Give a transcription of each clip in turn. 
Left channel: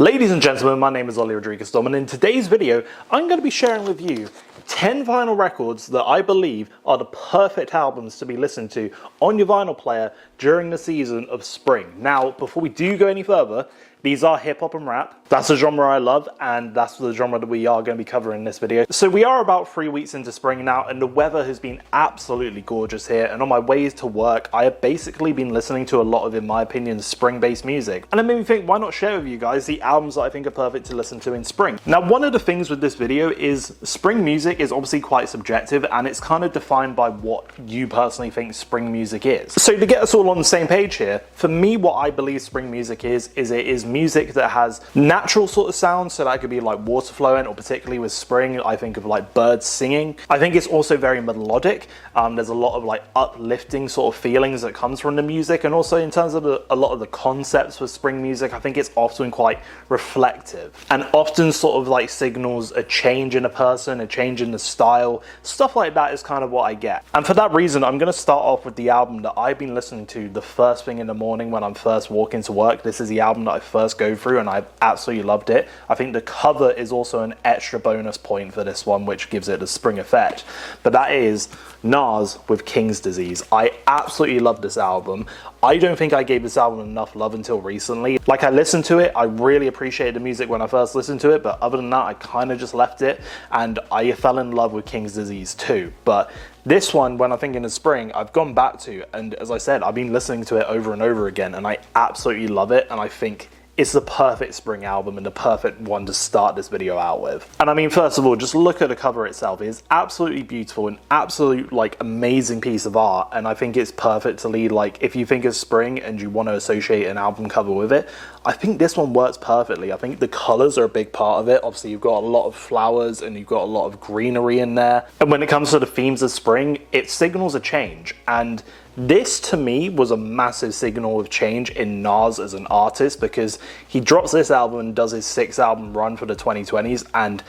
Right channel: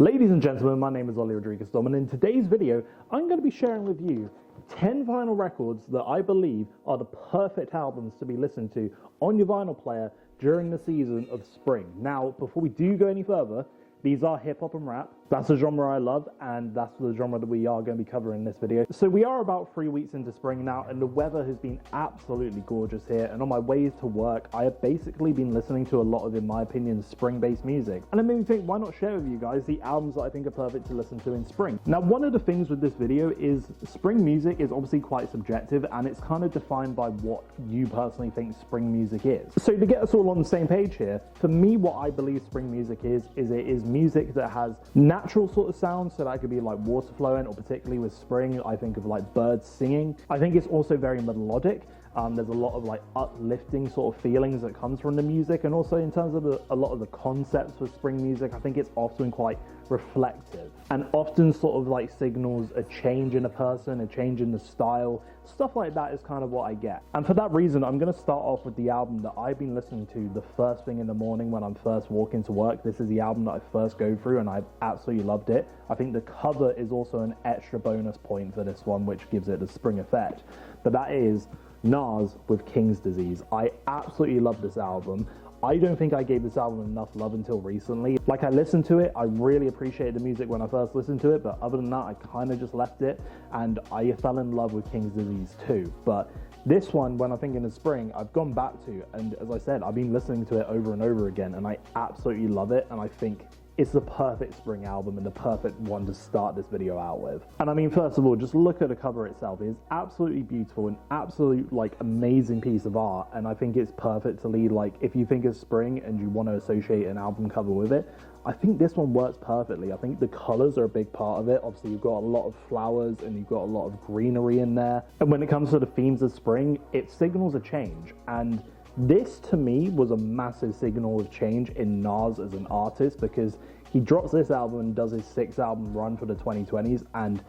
Ladies and gentlemen, my name is Ollie Rodriguez Dom, and in today's video, I'm going to be sharing with you 10 vinyl records that I believe are the perfect albums to be listened to on your vinyl player during the season of spring. Now, before we do go any further, these are hip hop and rap. That's the genre I love, and that's the genre that we are going to be covering in this video. So we are about 3 weeks into spring now, and the weather has been absolutely gorgeous here. And on my ways to work, I have basically been listening to a lot of, in my opinion, spring-based music. And it made me think, why not share with you guys the albums that I think are perfect to listen to in spring? Now, one of the things with this video is spring music is obviously quite subjective, and it's kind of defined by what you personally think spring music is. So to get us all on the same page here, for me, what I believe spring music is it is music that has natural sort of sounds, so that could be like water flowing, or particularly with spring, I think of like birds singing. I think it's also very melodic. There's a lot of like uplifting sort of feelings that comes from the music, and also in terms of a lot of the concepts for spring music, I think it's often quite reflective and often sort of like signals a change in a person, a change in the style. Stuff like that is kind of what I get. And for that reason, I'm going to start off with the album that I've been listening to the first thing in the morning when I'm first walking to work. This is the album that I first go through, and I've absolutely loved it. I think the cover is also an extra bonus point for this one, which gives it the spring effect. But that is Nas with King's Disease. I absolutely love this album. I don't think I gave this album enough love until recently. Like, I listened to it, I really appreciated the music when I first listened to it, but other than that, I kind of just left it, and I fell in love with King's Disease too. But this one, when I'm thinking of spring, I've gone back to, and as I said, I've been listening to it over and over again, and I absolutely love it, and I think it's the perfect spring album and the perfect one to start this video out with. And I mean, first of all, just look at the cover itself. It's absolutely beautiful, an absolute like amazing piece of art, and I think it's perfect to lead, like, if you think of spring and you want to associate an album cover with it, I think this one works perfectly. I think the colors are a big part of it. Obviously, you've got a lot of flowers and you've got a lot of greenery in there. And when it comes to the themes of spring, it signals a change. And this, to me, was a massive signal of change in Nas as an artist, because he drops this album and does his 6th album run for the 2020s, and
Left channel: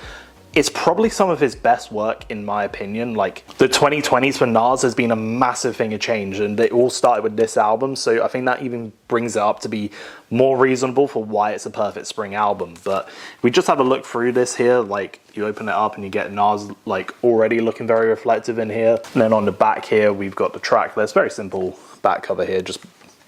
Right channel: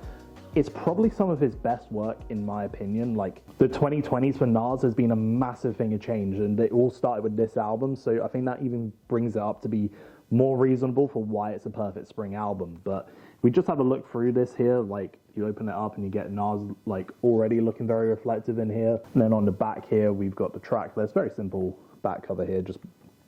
it's probably some of his best work, in my opinion. Like, the 2020s for Nas has been a massive thing of change, and it all started with this album, so I think that even brings it up to be more reasonable for why it's a perfect spring album. But we just have a look through this here, like, you open it up and you get Nas like already looking very reflective in here, and then on the back here we've got the track list. Very simple back cover here, just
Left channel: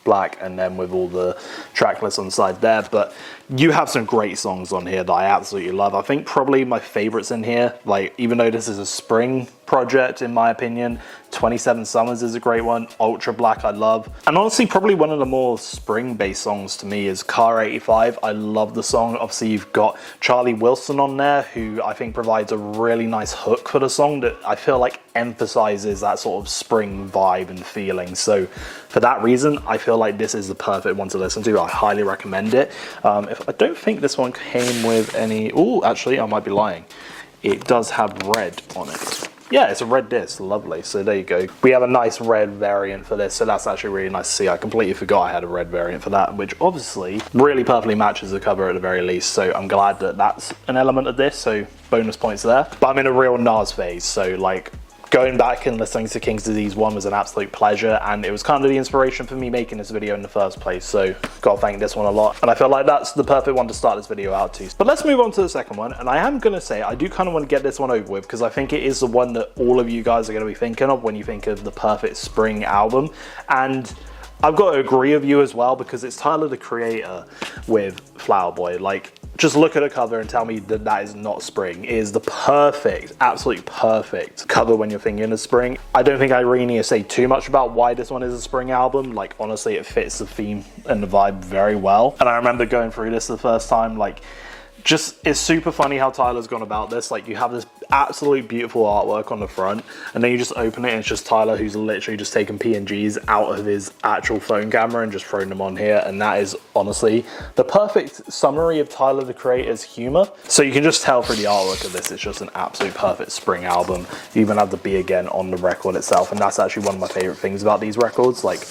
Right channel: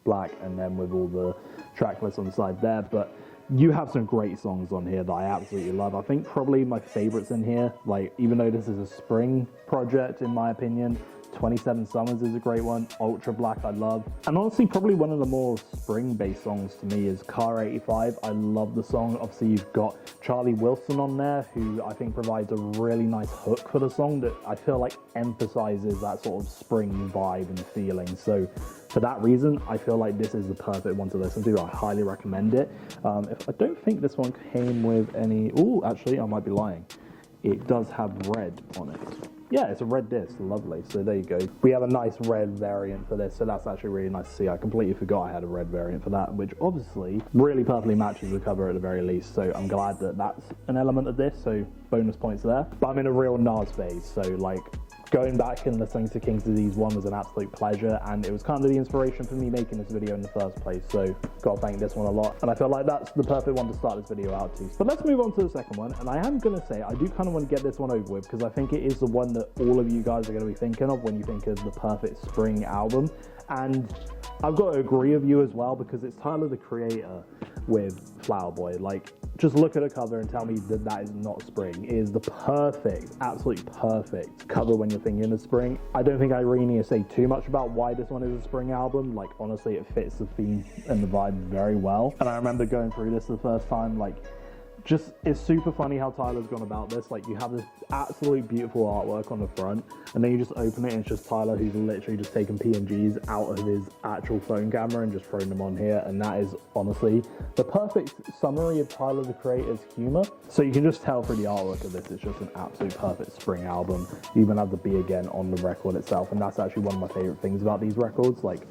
black, and then with all the track lists on the side there. But you have some great songs on here that I absolutely love. I think probably my favorites in here, like, even though this is a spring project in my opinion, 27 Summers is a great one. Ultra Black I love. And honestly, probably one of the more spring based songs to me is Car 85. I love the song. Obviously, you've got Charlie Wilson on there, who I think provides a really nice hook for the song that I feel like emphasizes that sort of spring vibe and feeling. So for that reason, I feel like this is the perfect one to listen to. I highly recommend it. If I don't think this one came with any, oh, actually, I might be lying. It does have red on it. Yeah, it's a red disc, lovely. So there you go. We have a nice red variant for this, so that's actually really nice to see. I completely forgot I had a red variant for that, which obviously really perfectly matches the cover at the very least. So I'm glad that that's an element of this, so bonus points there. But I'm in a real Nas phase, so like, going back and listening to King's Disease 1 was an absolute pleasure, and it was kind of the inspiration for me making this video in the first place, so gotta thank this one a lot. And I feel like that's the perfect one to start this video out to. But let's move on to the second one, and I am gonna say I do kind of want to get this one over with, because I think it is the one that all of you guys are gonna be thinking of when you think of the perfect spring album. And I've got to agree with you as well, because it's Tyler, the Creator, with Flower Boy. Like, just look at a cover and tell me that that is not spring. It is the perfect, absolutely perfect cover when you're thinking of spring. I don't think I really need to say too much about why this one is a spring album. Like, honestly, it fits the theme and the vibe very well. And I remember going through this the first time, like, just, it's super funny how Tyler's gone about this. Like, you have this absolute beautiful artwork on the front, and then you just open it and it's just Tyler who's literally just taken PNGs out of his actual phone camera and just thrown them on here. And that is honestly the perfect summary of Tyler, the Creator's humor. So you can just tell through the artwork of this, it's just an absolute perfect spring album. You even have the Be Again on the record itself, and that's actually one of my favorite things about these records. Like,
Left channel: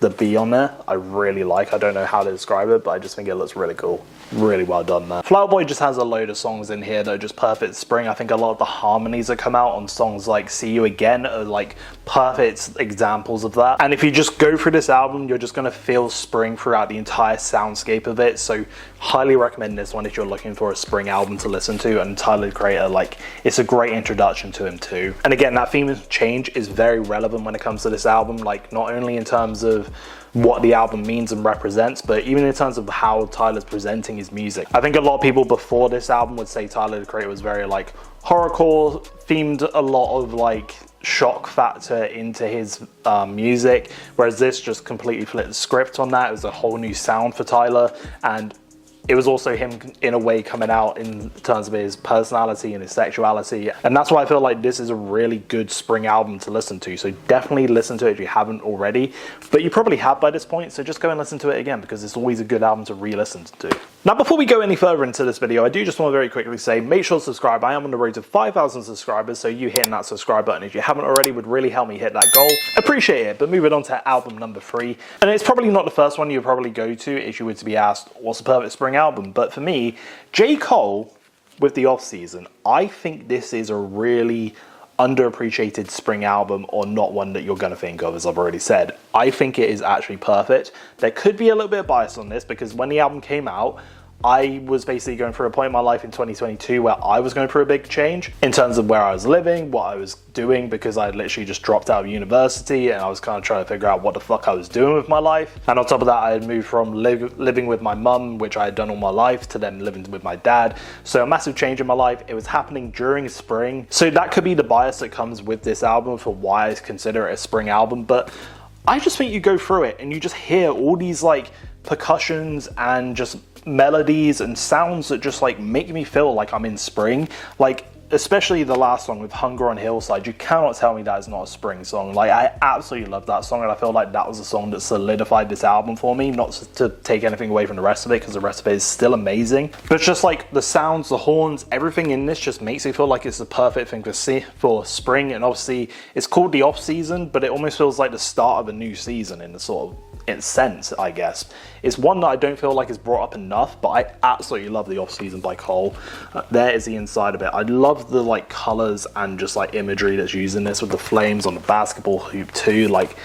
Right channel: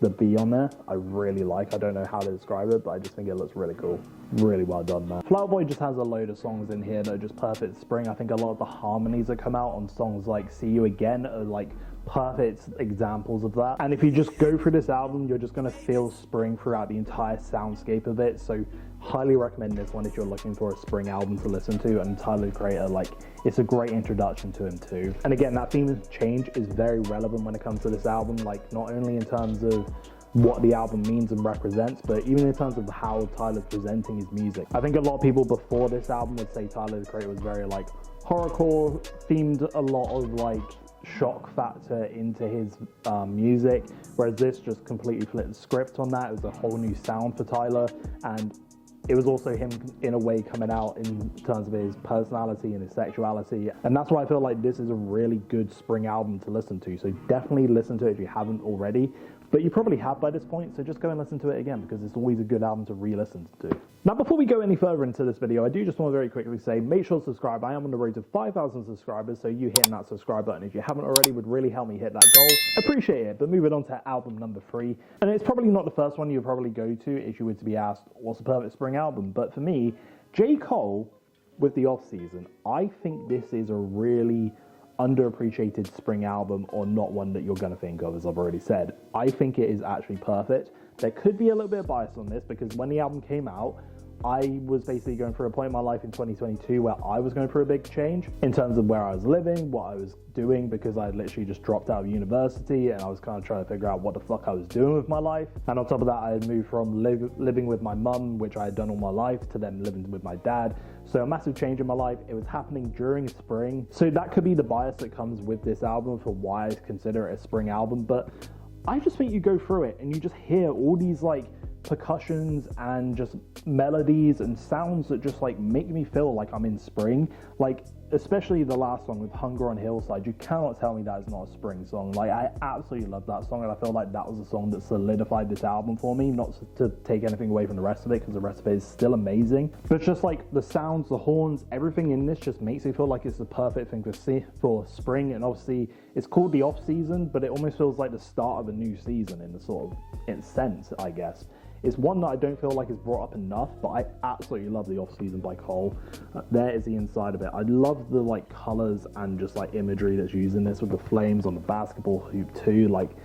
the B on there, I really like. I don't know how to describe it, but I just think it looks really cool. Really well done there. Flower Boy just has a load of songs in here that are just perfect spring. I think a lot of the harmonies that come out on songs like See You Again are like perfect examples of that. And if you just go through this album, you're just gonna feel spring throughout the entire soundscape of it. So highly recommend this one if you're looking for a spring album to listen to. And Tyler, the Creator, like, it's a great introduction to him too. And again, that theme of change is very relevant when it comes to this album, like not only in terms of what the album means and represents, but even in terms of how Tyler's presenting his music. I think a lot of people before this album would say Tyler, the Creator, was very like horrorcore themed, a lot of like shock factor into his music, whereas this just completely flipped the script on that. It was a whole new sound for Tyler, and it was also him in a way coming out in terms of his personality and his sexuality. And that's why I feel like this is a really good spring album to listen to. So definitely listen to it if you haven't already, but you probably have by this point. So just go and listen to it again, because it's always a good album to re-listen to. Now, before we go any further into this video, I do just want to very quickly say, make sure to subscribe. I am on the road to 5,000 subscribers, so you hitting that subscribe button if you haven't already would really help me hit that goal. Appreciate it. But moving on to album number 3, and it's probably not the first one you'll probably go to if you were to be asked, what's the perfect spring album? But for me, J.Cole with the Off Season, I think this is a really underappreciated spring album, or not one that you're going to think of, as I've already said. I think it is actually perfect. There could be a little bit of bias on this, because when the album came out, I was basically going through a point in my life in 2022 where I was going through a big change in terms of where I was living, what I was doing, because I had literally just dropped out of university and I was kind of trying to figure out what the fuck I was doing with my life. And on top of that, I had moved from living with my mum, which I had done all my life, to then living with my dad. So a massive change in my life. It was happening during spring. So that could be the bias that comes with this album for why I consider it a spring album. But I just think you go through it and you just hear all these like percussions and just melodies and sounds that just like make me feel like I'm in spring. Like especially the last song with Hunger on Hillside, you cannot tell me that is not a spring song. Like I absolutely love that song, and I feel like that was a song that solidified this album for me. Not to take anything away from the rest of it, because the rest of it is still amazing, but it's just like the sounds, the horns, everything in this just makes it feel like it's the perfect thing for spring. And obviously it's called the Off Season, but it almost feels like the start of a new season in the sort of in sense, I guess. It's one that I don't feel like is brought up enough, but I absolutely love the Off Season by Cole. There is the inside of it. I love the like colors and just like imagery that's used in this, with the flames on the basketball hoop too. Like,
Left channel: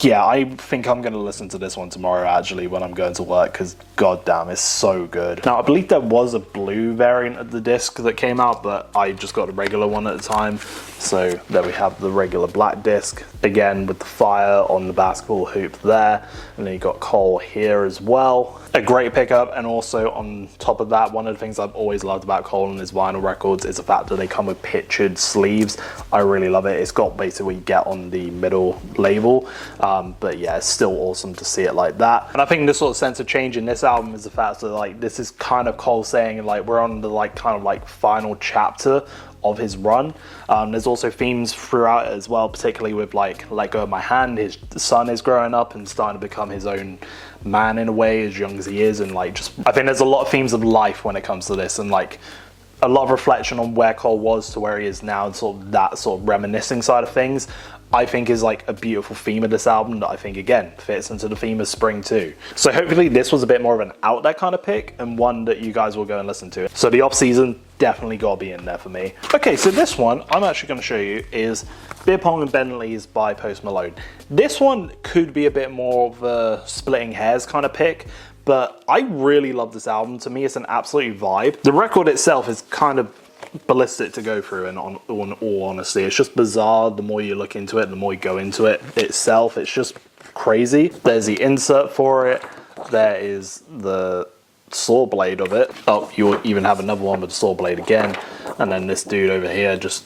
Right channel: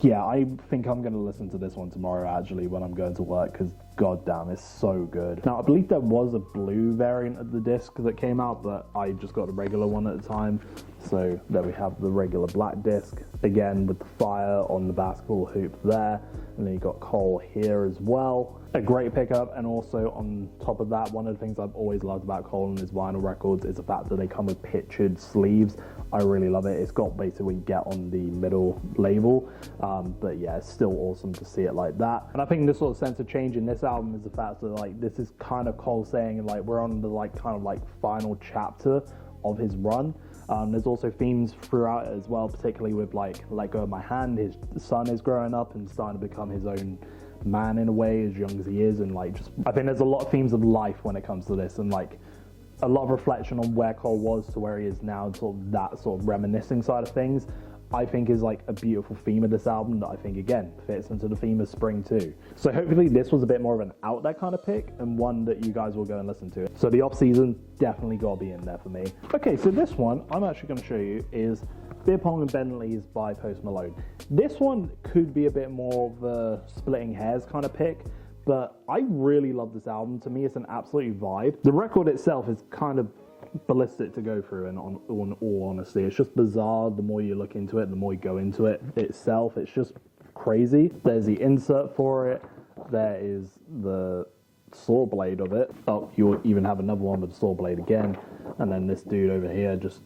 yeah, I think I'm going to listen to this one tomorrow actually when I'm going to work, because goddamn, it's so good. Now, I believe there was a blue variant of the disc that came out, but I just got a regular one at the time. So there we have the regular black disc, again with the fire on the basketball hoop there. And then you got Cole here as well. A great pickup. And also on top of that, one of the things I've always loved about Cole and his vinyl records is the fact that they come with pictured sleeves. I really love it. It's got basically what you get on the middle label. But yeah, it's still awesome to see it like that. And I think this sort of sense of change in this album is the fact that like this is kind of Cole saying like we're on the like kind of like final chapter of his run. There's also themes throughout it as well, particularly with like Let Go of My Hand. His son is growing up and starting to become his own man in a way, as young as he is, and like just I think there's a lot of themes of life when it comes to this, and like a lot of reflection on where Cole was to where he is now, and sort of that sort of reminiscing side of things, I think is like a beautiful theme of this album that I think again fits into the theme of spring too. So hopefully this was a bit more of an out there kind of pick, and one that you guys will go and listen to. So the Off Season definitely gotta be in there for me. Okay, so this one I'm actually gonna show you is Beer Pong and Bentleys by Post Malone. This one could be a bit more of a splitting hairs kind of pick, but I really love this album. To me, it's an absolute vibe. The record itself is kind of ballistic to go through, and on all honesty, it's just bizarre. The more you look into it, the more you go into it itself, it's just crazy. There's the insert for it. There is the saw blade of it. Oh, you even have another one with the saw blade again. And then this dude over here just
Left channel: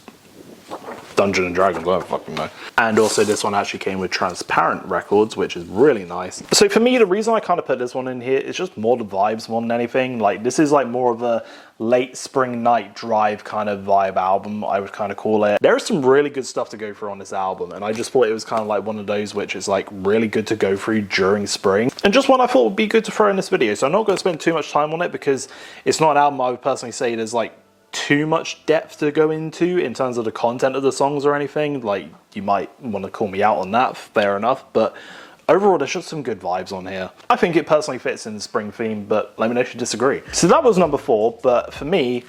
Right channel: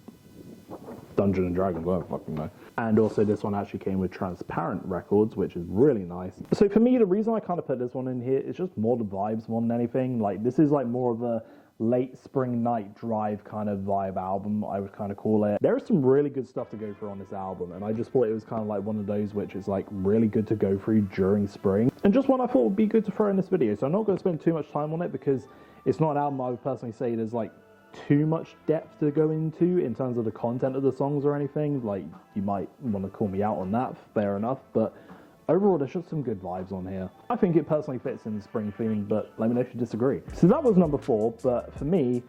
Dungeons and Dragons, I don't fucking know. And also this one actually came with transparent records, which is really nice. So for me, the reason I kind of put this one in here is just more the vibes more than anything. Like this is like more of a late spring night drive kind of vibe album, I would kind of call it. There is some really good stuff to go through on this album, and I just thought it was kind of like one of those which is like really good to go through during spring, and just one I thought would be good to throw in this video. So I'm not going to spend too much time on it, because it's not an album I would personally say there's like too much depth to go into in terms of the content of the songs or anything. Like, you might want to call me out on that, fair enough, but overall there's just some good vibes on here. I think it personally fits in the spring theme, but let me know if you disagree. So that was number 4, but for me,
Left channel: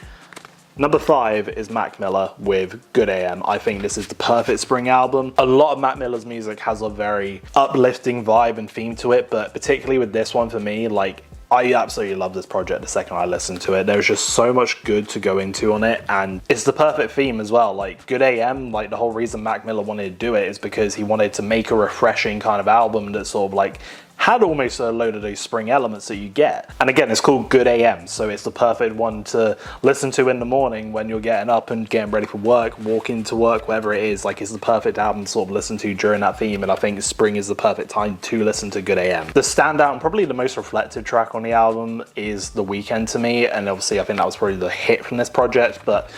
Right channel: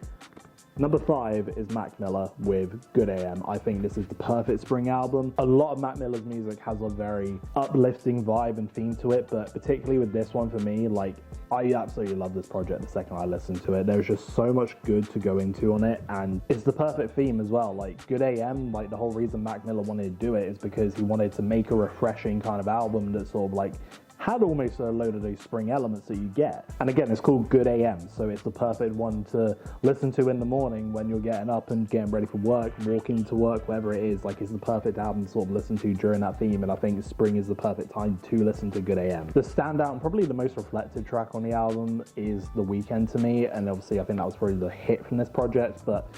number 5 is Mac Miller with Good AM. I think this is the perfect spring album. A lot of Mac Miller's music has a very uplifting vibe and theme to it, but particularly with this one for me, like, I absolutely love this project the second I listened to it. There's just so much good to go into on it, and it's the perfect theme as well. Like, Good AM, like, the whole reason Mac Miller wanted to do it is because he wanted to make a refreshing kind of album that sort of like had almost a load of those spring elements that you get. And again, it's called Good AM, so it's the perfect one to listen to in the morning when you're getting up and getting ready for work, walking to work, whatever it is. Like, it's the perfect album to sort of listen to during that theme, and I think spring is the perfect time to listen to Good AM. The standout and probably the most reflective track on the album is The Weeknd to me, and obviously I think that was probably the hit from this project, but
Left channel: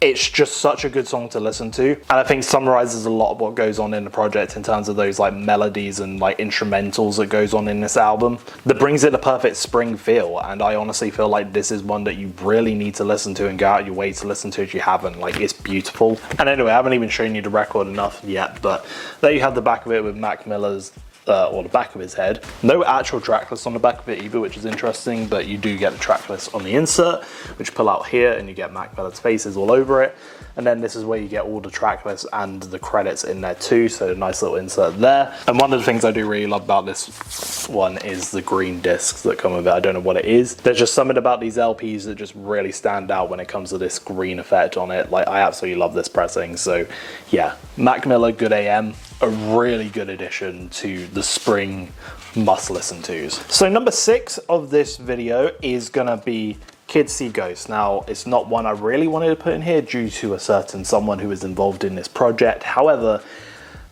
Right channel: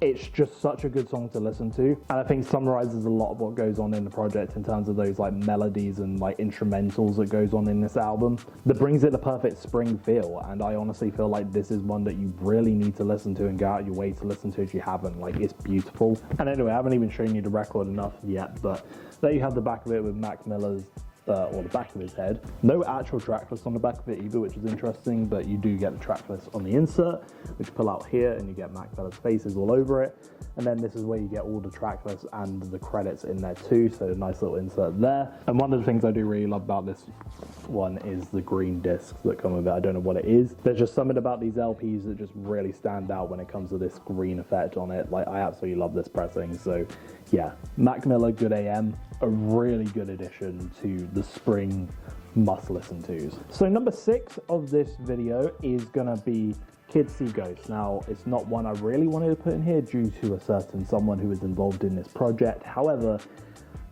it's just such a good song to listen to, and I think summarizes a lot of what goes on in the project in terms of those like melodies and like instrumentals that goes on in this album that brings it the perfect spring feel. And I honestly feel like this is one that you really need to listen to and go out your way to listen to if you haven't. Like, it's beautiful. And anyway, I haven't even shown you the record enough yet, but there you have the back of it with Mac Miller's or the back of his head. No actual track list on the back of it either, which is interesting, but you do get the track list on the insert, which you pull out here, and you get Mac Miller's faces all over it. And then this is where you get all the track lists and the credits in there too, so a nice little insert there. And one of the things I do really love about this one is the green discs that come with it. I don't know what it is. There's just something about these LPs that just really stand out when it comes to this green effect on it. Like, I absolutely love this pressing. So yeah, Mac Miller, Good AM, a really good addition to the spring must listen tos. So number 6 of this video is gonna be Kids See Ghosts. Now, it's not one I really wanted to put in here due to a certain someone who is involved in this project. However,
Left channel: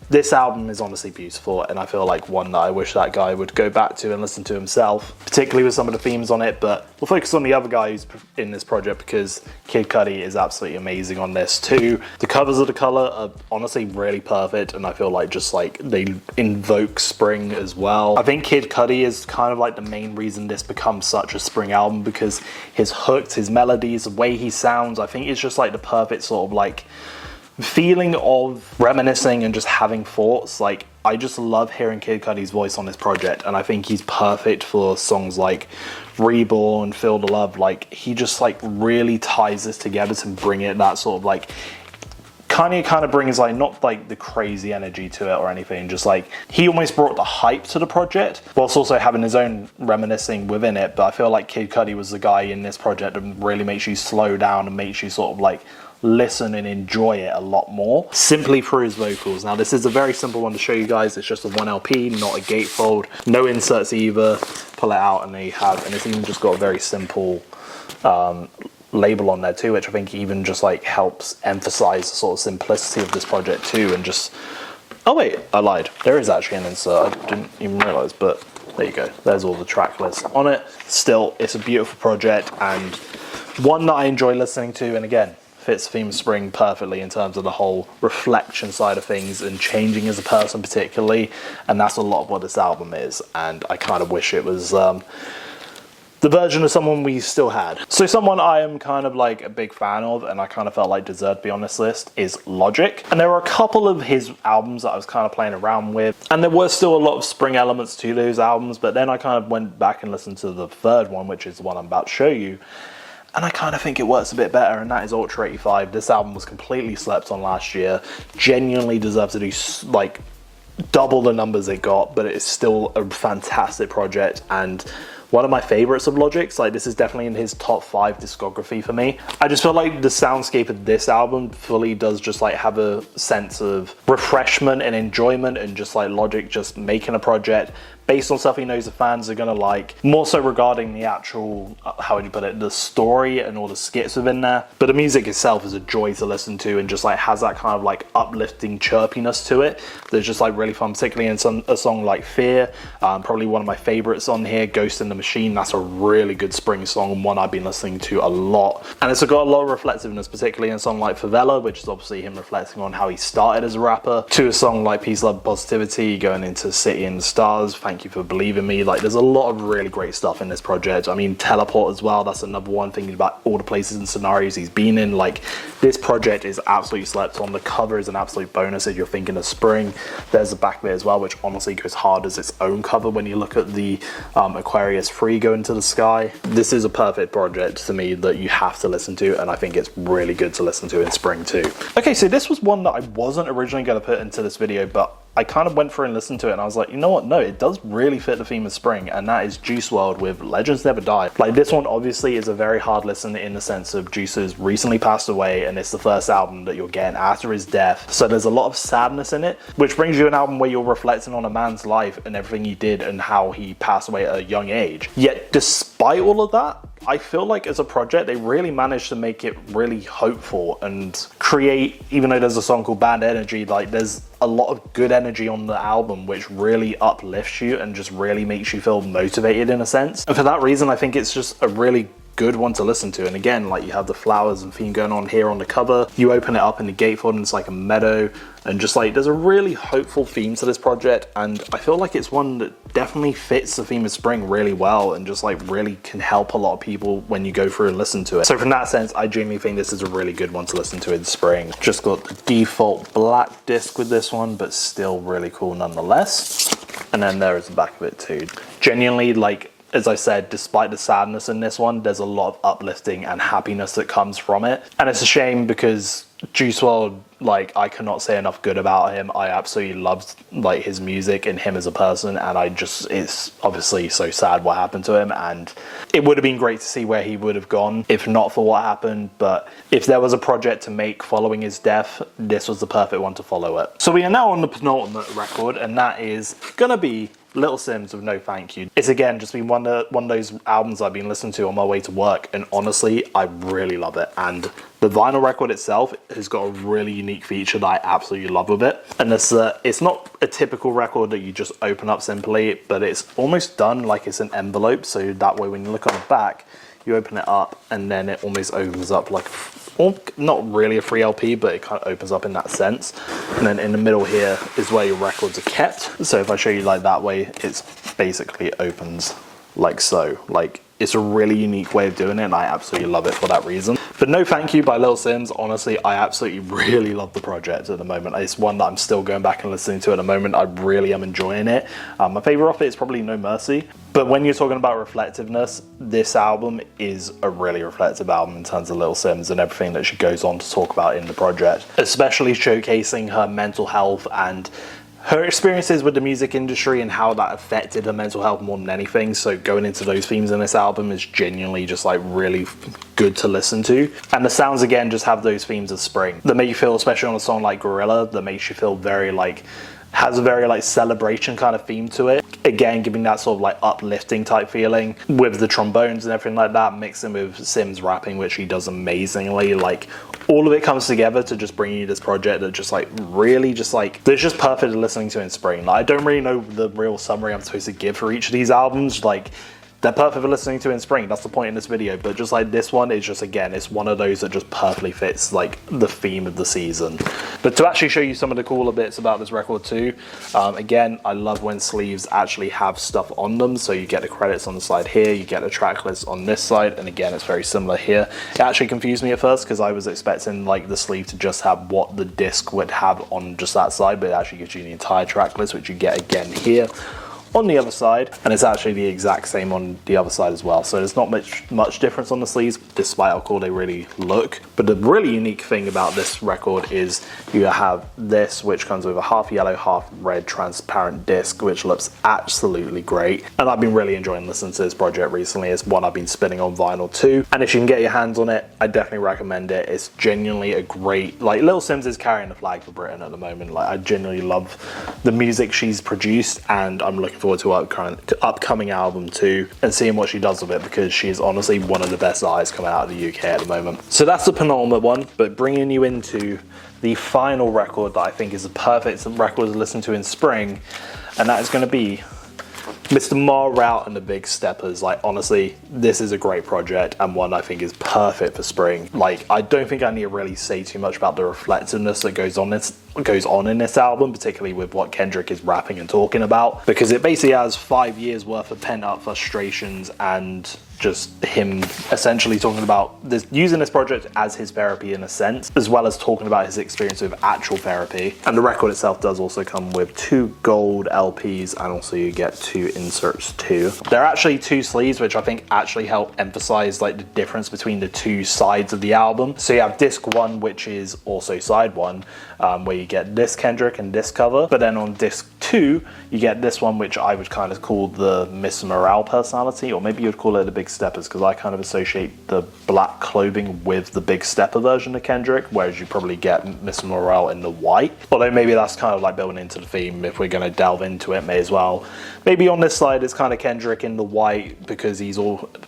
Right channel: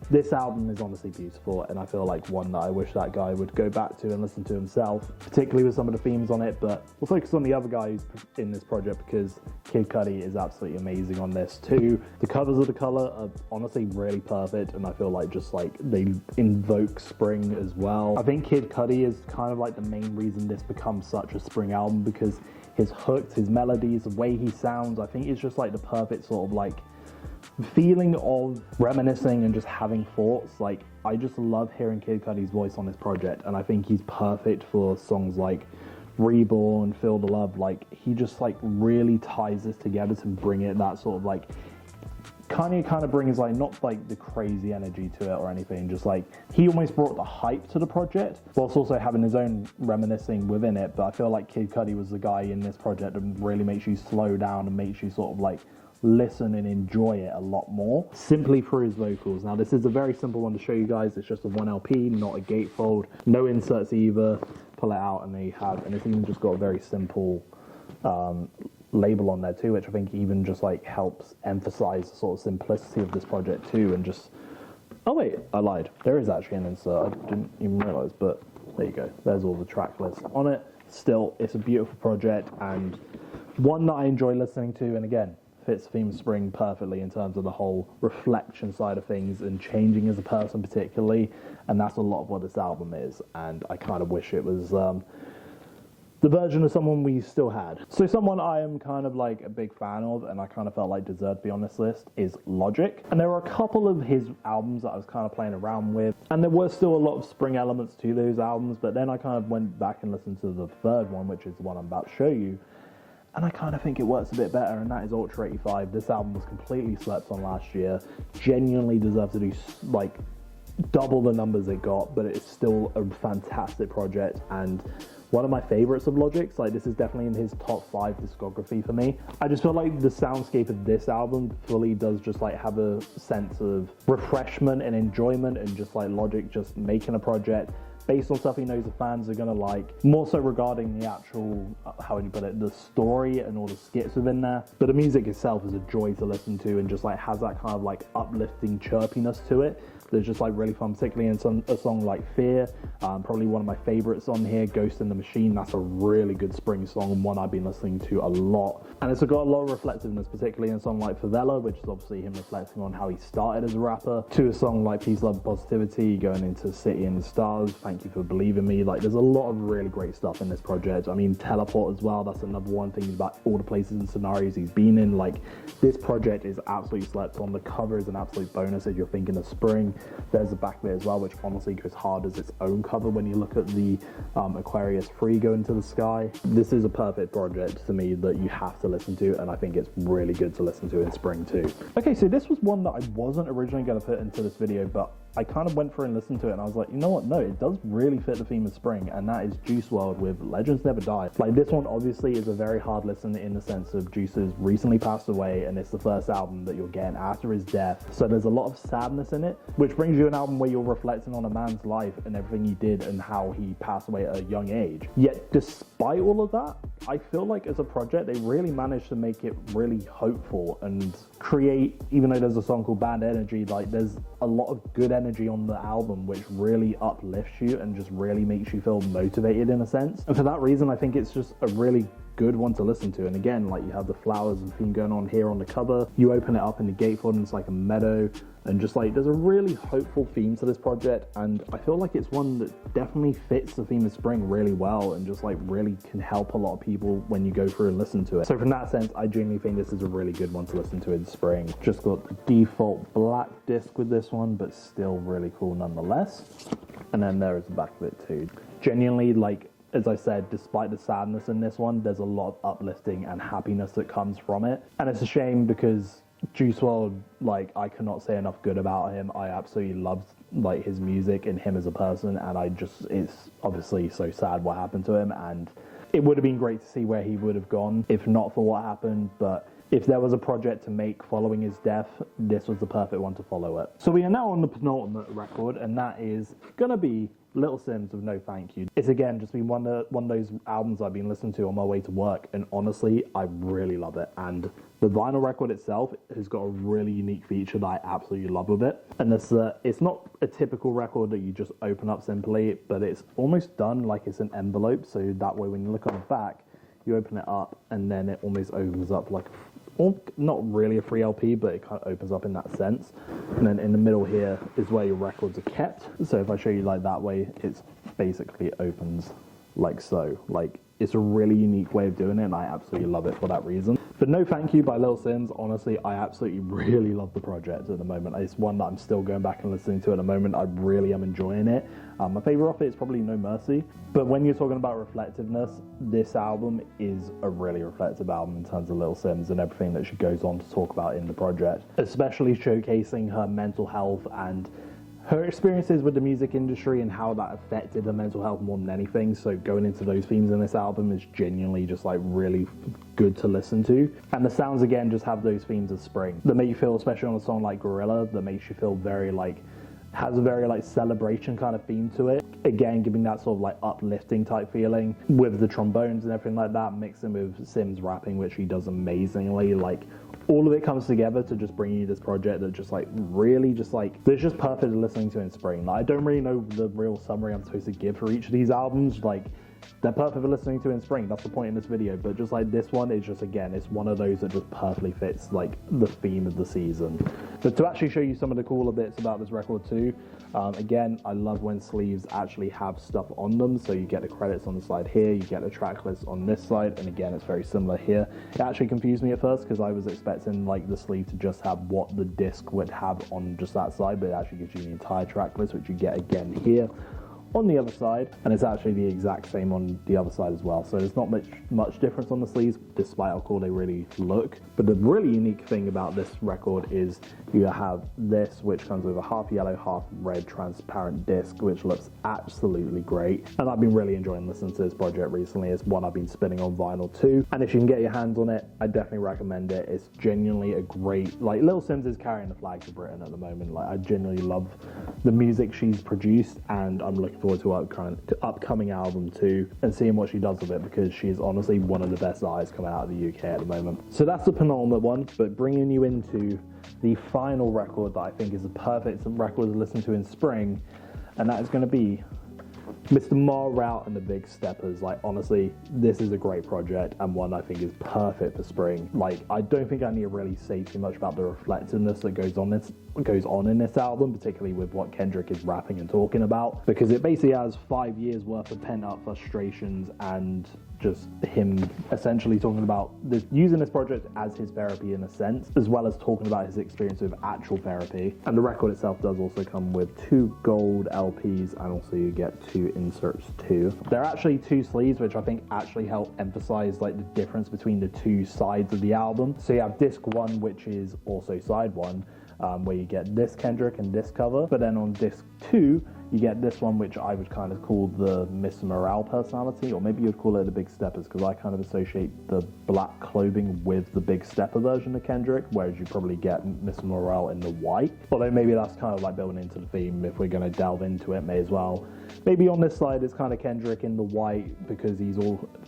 this album is honestly beautiful, and I feel like one that I wish that guy would go back to and listen to himself, particularly with some of the themes on it. But we'll focus on the other guy who's in this project because Kid Cudi is absolutely amazing on this too. The covers of the color are honestly really perfect, and I feel like just like they invoke spring as well. I think Kid Cudi is kind of like the main reason this becomes such a spring album, because his hooks, his melodies, the way he sounds, I think it's just like the perfect sort of like feeling of reminiscing and just having thoughts. Like, I just love hearing Kid Cudi's voice on this project, and I think he's perfect for songs like Reborn, Feel the Love. Like, he just like really ties this together to bring it that sort of like kind of brings like not like the crazy energy to it or anything, just like he almost brought the hype to the project whilst also having his own reminiscing within it. But I feel like Kid Cudi was the guy in this project that really makes you slow down and makes you sort of like listen and enjoy it a lot more simply through his vocals. Now, this is a very simple one to show you guys. It's just a 1 LP, not a gatefold, no inserts either. Pull it out and it's even just got a very simple label on there too, which I think even just like helps emphasize the sort of simplicity of this project too. And just, oh wait, I lied, there is actually an insert, I didn't even realize, but there you go, there's all the track lists on it. Still, it's a beautiful project and one that I enjoy listening to, and again, fits theme of spring perfectly in terms of the whole reflection side of things and changing as a person particularly, and that's a lot of what this album is. And I kind of wish it was the version of someone we still had. So someone I am kind of like a big fan of, and I kind of felt like deserved to be on this list, is Logic. And there were a couple of his albums that I was kind of playing around with, and there were still a lot of spring elements to those albums, but then I kind of went back and listened to the third one, which is the one I'm about to show you, and I kind of think it works a bit better, and that is Ultra 85. This album was completely slept on last year, genuinely deserves to do like double the numbers it got, but it's still a fantastic project and one of my favorites of Logic's. Like, this is definitely in his top 5 discography for me. I just feel like the soundscape of this album fully does just like have a sense of refreshment and enjoyment, and just like Logic just making a project based on stuff he knows the fans are gonna like, more so regarding the actual, how would you put it, the story and all the skits within there. But the music itself is a joy to listen to and just like has that kind of like uplifting chirpiness to it that's just like really fun, particularly in a song like Fear. Probably one of my favorites on here, Ghost in the Machine. That's a really good spring song and one I've been listening to a lot. And it's got a lot of reflectiveness, particularly in a song like Favela, which is obviously him reflecting on how he started as a rapper, to a song like Peace, Love, Positivity, going into City and the Stars, Thank Thank You for Believing Me. Like, there's a lot of really great stuff in this project. I mean, Teleport as well, that's another one, thinking about all the places and scenarios he's been in. Like, this project is absolutely slept on. The cover is an absolute bonus if you're thinking of spring. There's the back of it as well, which honestly goes hard as its own cover when you look at the Aquarius 3 go into the sky. This is a perfect project to me that you have to listen to, and I think it's really good to listen to in spring too. Okay, so this was one that I wasn't originally going to put into this video, but I kind of went through and listened to it and I was like, you know what, no, it does really fit the theme of spring, and that is Juice WRLD with Legends Never Die. Like, this one obviously is a very hard listen in the sense of Juice has recently passed away and it's the first album that you're getting after his death, so there's a lot of sadness in it, which brings you an album where you're reflecting on a man's life and everything he did and how he passed away at a young age. Yet despite all of that, I feel like as a project they really managed to make it really hopeful and create, even though there's a song called Bad Energy, like there's a lot of good energy on the album which really uplifts you and just really makes you feel motivated in a sense. And for that reason, I think it's just a really good one to listen to. And again, like, you have the flowers and theme going on here on the cover. You open it up in the gatefold and it's like a meadow, and just like there's a really hopeful theme to this project, and I feel like it's one that definitely fits the theme of spring really well and just like really can help a lot of people when you go through and listen to it. So from that sense, I genuinely think this is a really good one to listen to in spring. Just got the default black disc with this one, but still really cool nonetheless. And then there is the back of it too. Genuinely, like, as I said, despite the sadness in this one, there's a lot of uplifting and happiness that comes from it. And it's a shame because Juice WRLD, like, I cannot say enough good about him. I absolutely loved like his music and him as a person, and it's obviously so sad what happened to him, and it would have been great to see where he would have gone if not for what happened. But if there was a project to make following his death, this was the perfect one to follow it. So we are now on the penultimate record, and that is gonna be Little Simz with No Thank You. It's again just been one of those albums I've been listening to on my way to work, and honestly I really love it. And the vinyl record itself has got a really unique feature that I absolutely love with it, and it's not a typical record that you just open up simply, but it's almost done like it's an envelope, so that way when you look on the back, you open it up and then it almost opens up like, not really a free LP, but it kind of opens up in that sense. And then in the middle here is where your records are kept. So if I show you like that way, it's basically opens like so. Like, it's a really unique way of doing it, and I absolutely love it for that reason. But No Thank You by Little Simz, honestly, I absolutely really love the project at the moment. It's one that I'm still going back and listening to at the moment. I really am enjoying it. My favorite off it is probably No Mercy. But when you're talking about reflectiveness, this album is a really reflective album in terms of Little Simz and everything that she goes on to talk about in the project, especially showcasing her mental health and her experiences with the music industry and how that affected her mental health more than anything. So going into those themes in this album is genuinely just like really good to listen to. And the sounds again just have those themes of spring that make you feel, especially on a song like Gorilla, that makes you feel very like, has a very like celebration kind of theme to it. Again, giving that sort of like uplifting type feeling with the trombones and everything like that, mixing with Simz rapping, which he does amazingly. Like, all of it comes together to just bring you this project that just like really just like, that's just perfect listening to in spring. Like, I don't really know the real summary I'm supposed to give for each of these albums. Like, they're perfect for listening to in spring, that's the point in this video, but just like this one is just, again, it's one of those that just perfectly fits like the theme of the season. But to actually show you some of the cooler bits about this record too, again, I love when sleeves actually have stuff on them. So you get the credits on the side here, you get a track list on this side, and again, it's very similar here. It actually confused me at first because I was expecting like the sleeve to just have what the disc would have on just that side, but it actually gives you the entire track list, which you get again here on the other side, and it's actually the exact same on the other side as well. So there's not much difference on the sleeves, despite how cool they really look. But the really unique thing about this record is you have this, which comes with a half yellow, half red transparent disc, which looks absolutely great. And I've been really enjoying listening to this project recently. It's one I've been spinning on vinyl too. And if you can get your hands on it, I definitely recommend it. It's genuinely a great, like, Little Simz is carrying the flag for Britain at the moment. Like, I genuinely love the music she's produced, and I'm looking forward to her upcoming album too, and seeing what she does with it, because she is honestly one of the best artists coming out of the UK at the moment. So that's the penultimate one, but bringing you into the final record that I think is the perfect record to listen to in spring, and that is going to be Mr. Wrld and the Big Steppers, like honestly, this is a great project and one I think is perfect for spring. Like I don't think I need to really say too much about the reflectiveness that goes on in this album, particularly with what Kendrick is rapping and talking about, because it basically has 5 years worth of pent up frustrations and just him essentially talking about this, using this project as his therapy in a sense, as well as talking about his experience with actual therapy. And the record itself does also come with 2 gold LPs, and also you get 2 inserts too. There are actually 2 sleeves, which I think actually help emphasize like the difference between the 2 sides of the album. So you have disc 1, which is also side 1, where you get this Kendrick and this cover, but then on disc 2 you get this one, which I would kind of call the Mr. Wrld personality, or maybe you'd call it the Big Steppers, because I kind of associate the black clothing with the Big Stepper version of Kendrick, whereas you probably get Mr. Wrld in the white. Although maybe that's kind of like building into the theme. If we're going to delve into it, may as well. Maybe on this side it's kind of Kendrick in the white because he's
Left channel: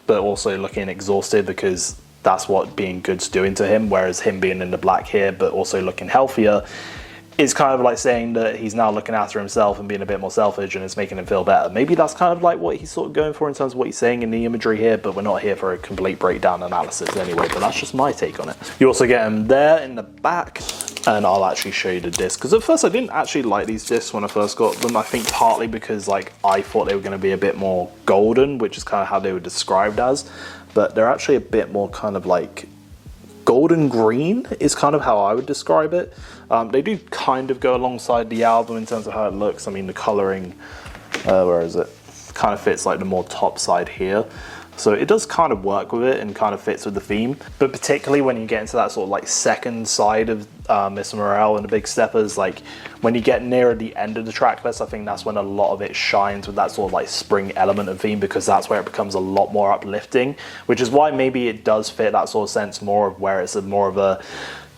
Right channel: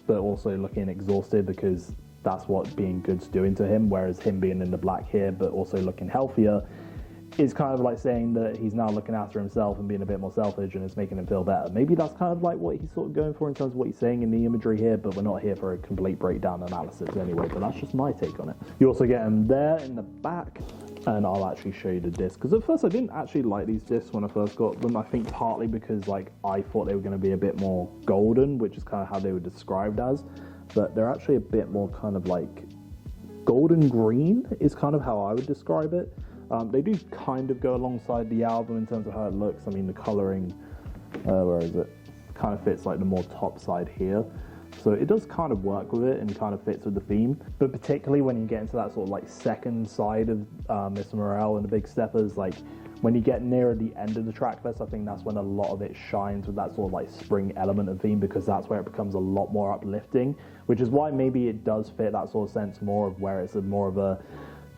but also looking exhausted, because that's what being good's doing to him, whereas him being in the black here but also looking healthier is kind of like saying that he's now looking after himself and being a bit more selfish, and it's making him feel better. Maybe that's kind of like what he's sort of going for in terms of what he's saying in the imagery here, but we're not here for a complete breakdown analysis anyway, but that's just my take on it. You also get him there in the back, and I'll actually show you the disc, because at first I didn't actually like these discs when I first got them. I think partly because like I thought they were going to be a bit more golden, which is kind of how they were described as, but they're actually a bit more kind of like golden green is kind of how I would describe it. They do kind of go alongside the album in terms of how it looks. I mean, the coloring, where is it? Kind of fits like the more top side here. So it does kind of work with it and kind of fits with the theme. But particularly when you get into that sort of like second side of Mr. Wrld and the Big Steppers, like when you get nearer the end of the track list, I think that's when a lot of it shines with that sort of like spring element of theme, because that's where it becomes a lot more uplifting, which is why maybe it does fit that sort of sense more of where it's more of a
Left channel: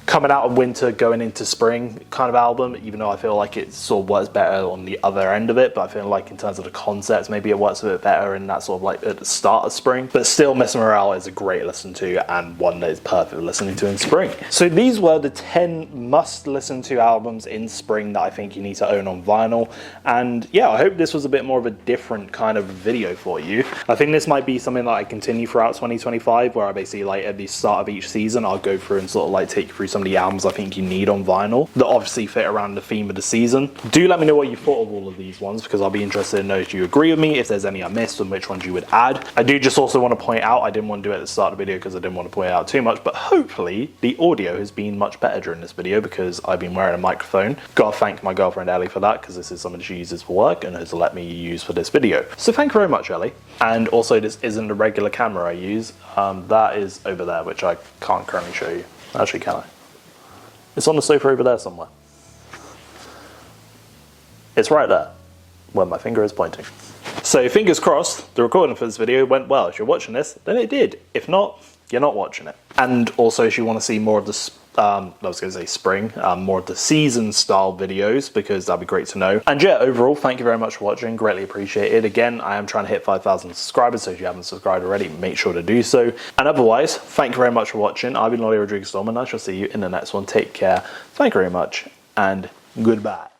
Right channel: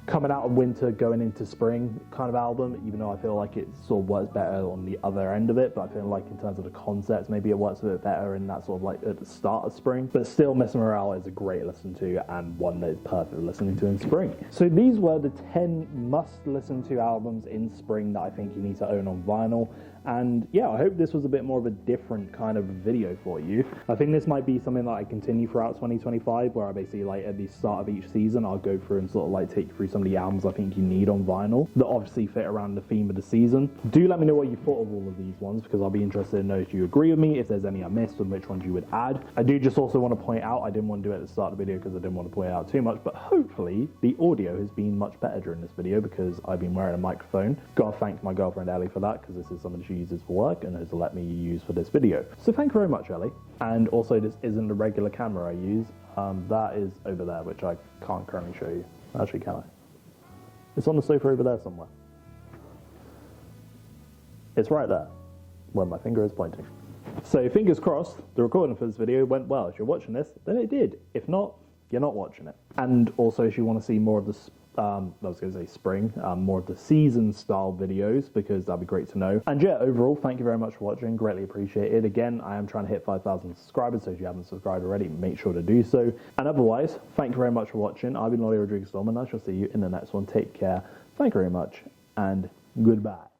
coming out of winter, going into spring kind of album, even though I feel like it sort of works better on the other end of it. But I feel like in terms of the concepts, maybe it works a bit better in that sort of like at the start of spring. But still, Mr. Wrld is a great listen to and one that is perfect for listening to in spring. So these were the 10 must listen to albums in spring that I think you need to own on vinyl. And yeah, I hope this was a bit more of a different kind of video for you. I think this might be something that I continue throughout 2025, where I basically like at the start of each season, I'll go through and sort of like take you through some of the albums I think you need on vinyl that obviously fit around the theme of the season. Do let me know what you thought of all of these ones, because I'll be interested to know if you agree with me, if there's any I missed, and which ones you would add. I do just also want to point out, I didn't want to do it at the start of the video because I didn't want to point it out too much, but hopefully the audio has been much better during this video because I've been wearing a microphone. Gotta thank my girlfriend Ellie for that, because this is something she uses for work and has let me use for this video. So thank you very much, Ellie. And also, this isn't the regular camera I use. That is over there, which I can't currently show you. Actually, can I? It's on the sofa over there somewhere. It's right there, where my finger is pointing. So fingers crossed, the recording for this video went well. If you're watching this, then it did. If not, you're not watching it. And also, if you want to see more of the I was going to say spring, more of the season style videos, because that'd be great to know. And yeah, overall, thank you very much for watching, greatly appreciated. Again, I am trying to hit 5,000 subscribers, so if you haven't subscribed already, make sure to do so. And otherwise, thank you very much for watching. I've been Rodriguez, and I shall see you in the next one. Take care, thank you very much, and goodbye.